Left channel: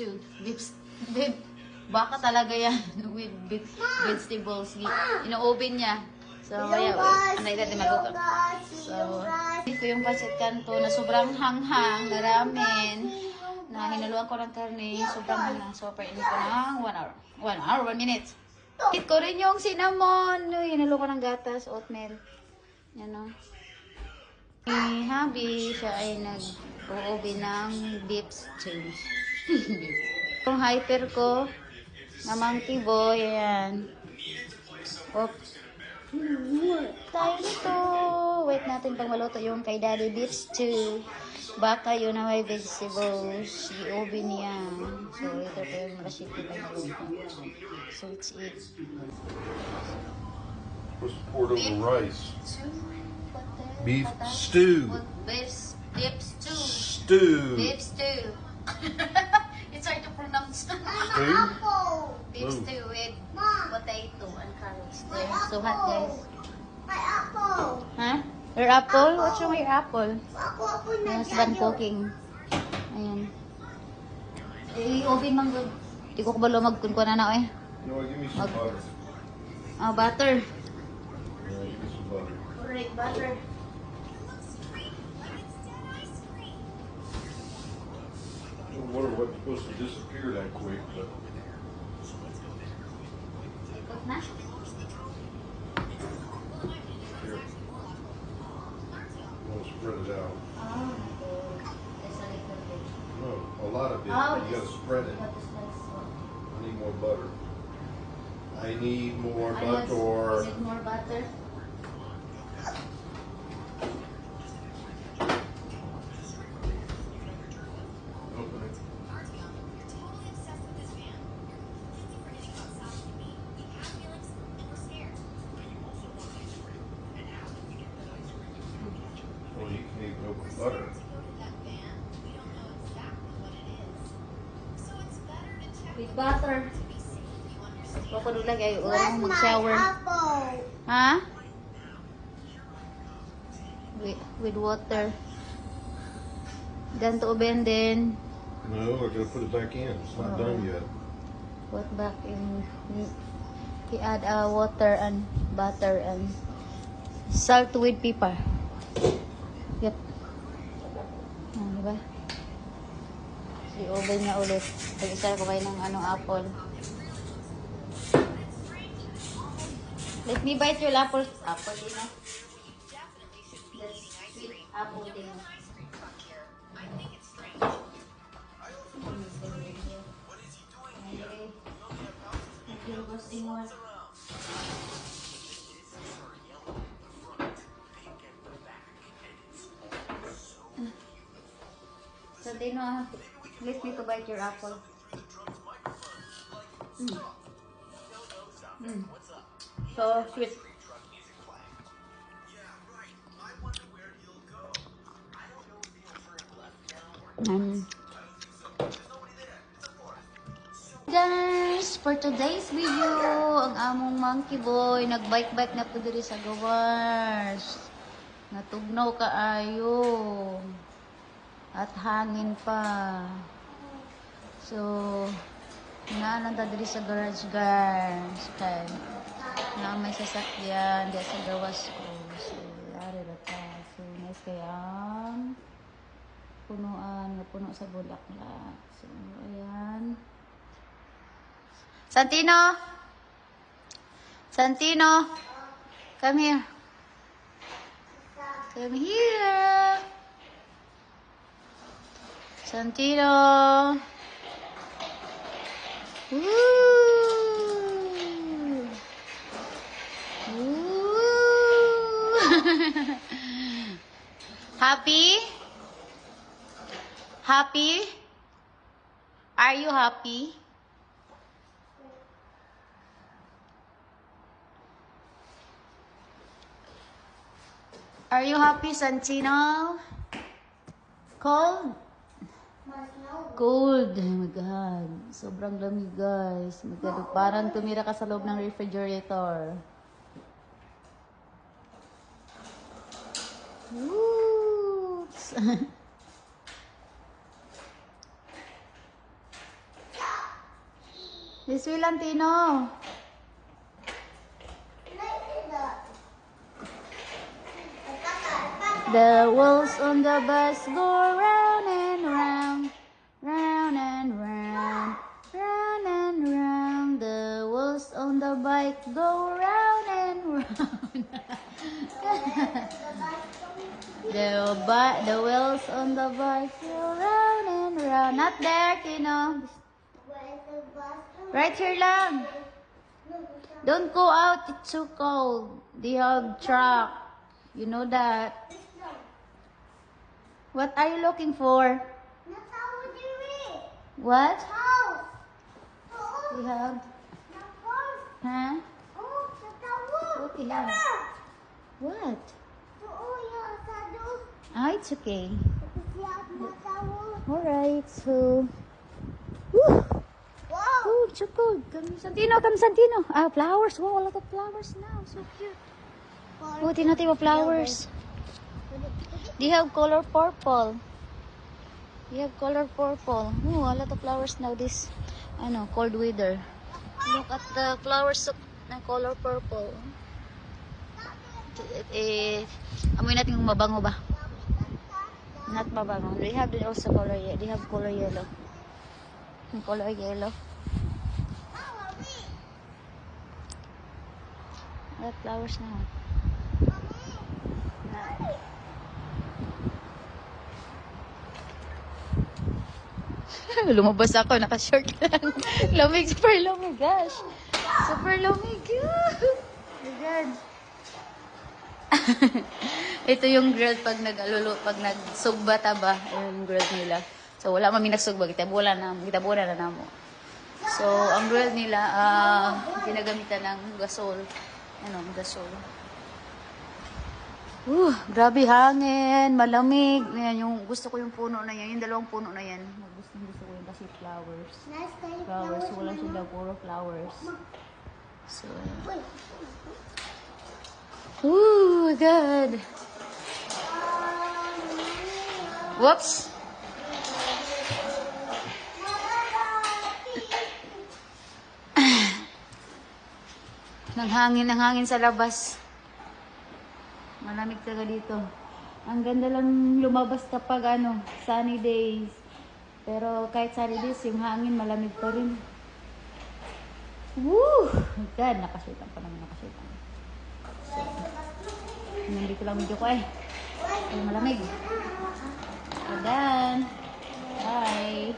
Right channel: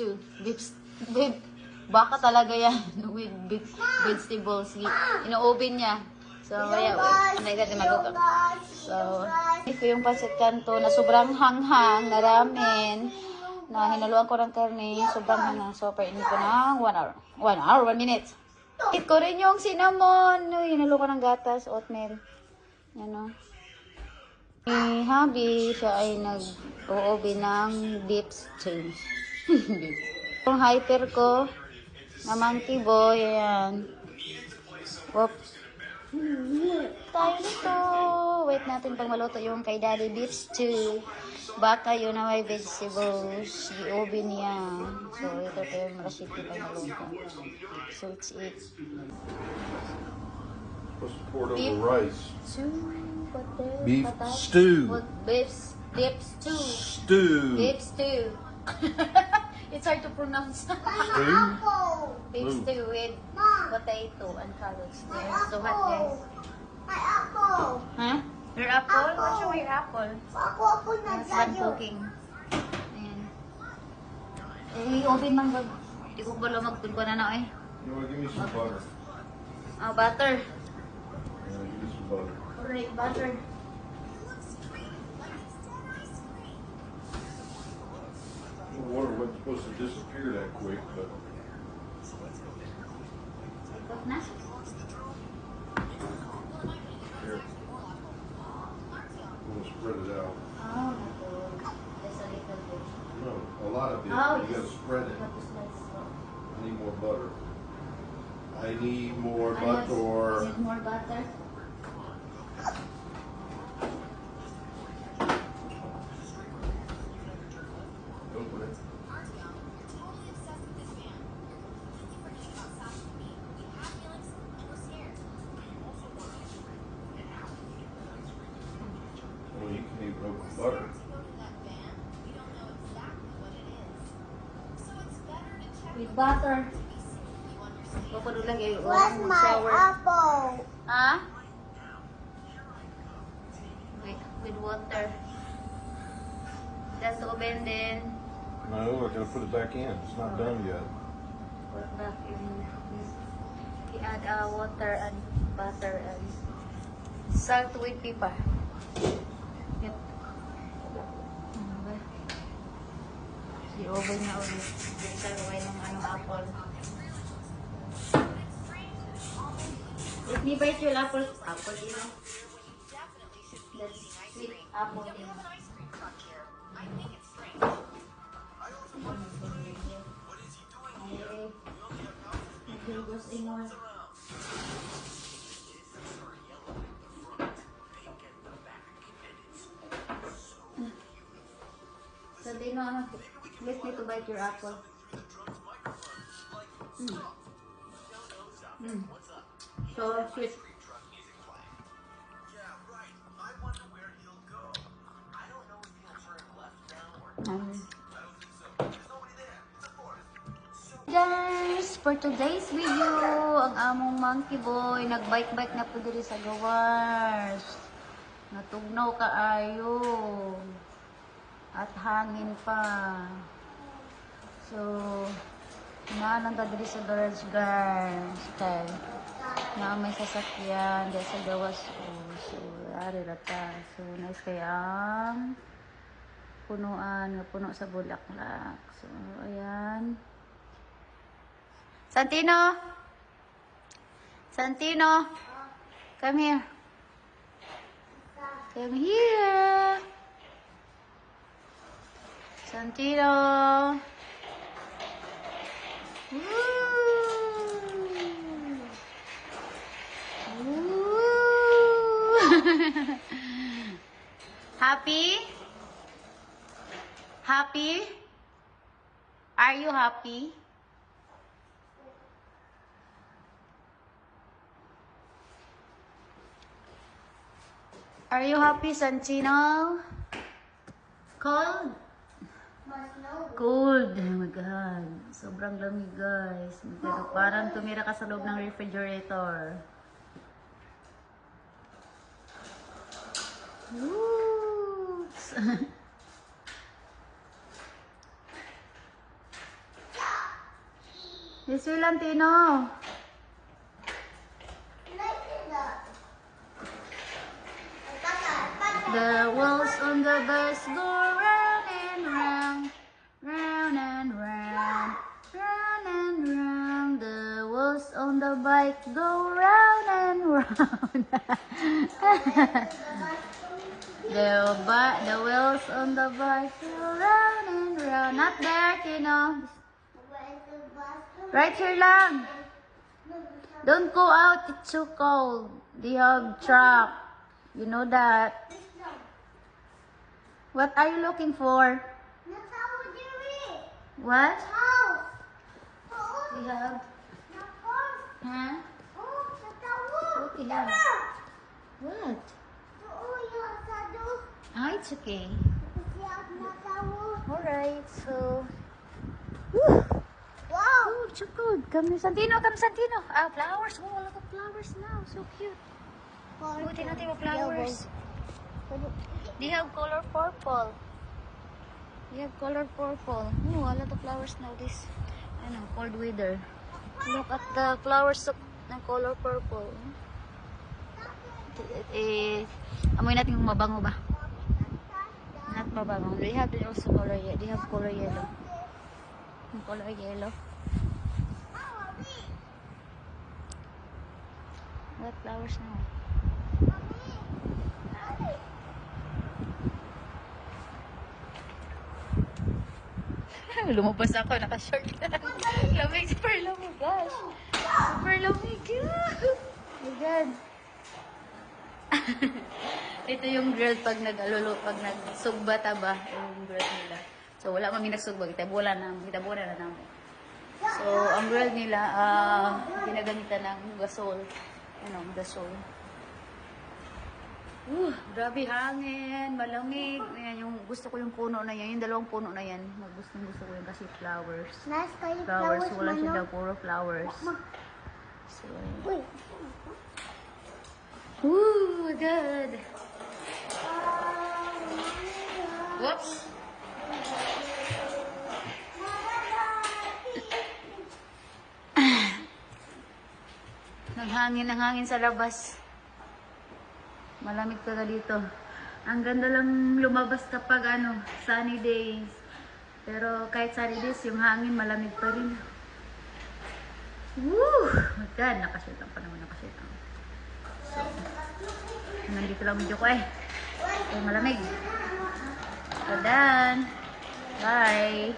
stew. Beef. Baka talaga yan with vegetables. Ino-oven niya. So, kaya, anay natin maluto. So, ito yung pancit canto na sobrang hanghang na ramen. Na hinaluan ko ng karne, sobrang hanghang. So, painin ko ng 1 hour. 1 minute. Hit ko rin yung cinnamon. Hinalo ko ng gatas, oatmeal. Yan o. Ni Habi, siya ay nag-oobi ng beef stew. Yung hyper ko, na monkey boy, ayan. Oops. Tayo nito. Wait natin pang maluto yung kay Daddy beef stew. Baka yun na may vegetables. I-oven niya. So, ito yung recipe tayo maluto. So, it's it. What's poured over rice? Beef stew. Beef stew. Stew. Beef stew. It's hard to pronounce. Stew? Beef stew with potato and carrots. There. So hot there. My apple. Huh? Your apple? What's wrong with your apple? Apple na It's done cooking. Ayan. Eh, oven mang gag. Di ko ba lumagkun ko na na eh. You know what? Give me some butter. Butter. Yeah, give me some butter. Alright, butter. The water wasn't supposed to disappear that quick, but Cook na? here. I'm gonna spread it out. Oh my god. Just a little bit. No, a lot of it. Oh, You gotta spread it. You have to slice it. I need more butter. I need more Ayan, butter. need more butter. Open it. Well, you can even open butter. With butter. Huwag ko doon lagay. Where's my Mag-shower. apple? Ha? With water. Then to oven then. No, I gotta put it back in. It's not done yet. Put back in. We add water and butter and salt with pepper. Yep. Ano ba? I-oven niya ulit. Pag-isar ko kayo ng anong apple. Let me bite your apple. Apple din na. That's sweet apple din na. So they know let me to bite your apple. So sweet. Guys, for today's video, ang among monkey boy nagbike-bike na po diri sa gawas. Natugnaw kaayo. At hangin pa. So, inaanan ta diri sa garage guys. Okay. Na may sasakyan diya sa gawas ko. So, ari ra ta. So, nice kayang punuan, nga puno sa bulaklak. So, ayan. Santino! Santino! Come here. Come here. Santino! Woo! Woo! Happy? Happy? Are you happy? Are you happy, Santino? Cold? Cold. Oh my God. Sobrang lamig, guys. Parang tumira ka sa loob ng refrigerator. Whoops. Miss Vilantino. The wheels on the bus go round and round, round and round, round and round. The wheels on the bike go round and round. The wheels on the bike go round and round. Not there, Tino. Right here lang. Don't go out, it's too cold. They have truck. You know that. What are you looking for? What? We have. Huh? What we have? What? Ah, it's okay. Alright, so. Woo! Oh, so good. Come, Santino, come, Santino. Ah, flowers. Oh, a lot of flowers now. So cute. Oh, tingnan tayo flowers. They have color purple. They have color purple. Oh, a lot of flowers now this, cold weather. Look at the flowers na color purple. Amoy natin kung mabango ba. Not mabango. They have also color yellow. They have color yellow. Color yellow. What flowers now? Lumabas ako, naka-short lang. Lamig, super lamig, gosh. Super lamig. Oh my God. Ito yung grill pag pag nagsugbata ba, yung grill nila. So, wala mami nagsugba, kitabunan na namo. So, ang grill nila, ginagamitan ng gasol. Gasol. Grabe hangin, malamig. Yan, yung gusto ko yung puno na yan, yung dalawang puno na yan. Gusto ko yung kasi flowers. Flowers, wala siya daw, puro flowers. So, ayan. Ooh, God. Whoops. Ang hangin sa labas. Malamig ka dito. Ang ganda lang lumabas kapag sunny days. Pero kahit sunny days, yung hangin malamig pa rin. Woo! Oh God, nakasitang pa naman, nakasitang. So, nandito lang video ko eh. Ay, malamig. So, done. Bye.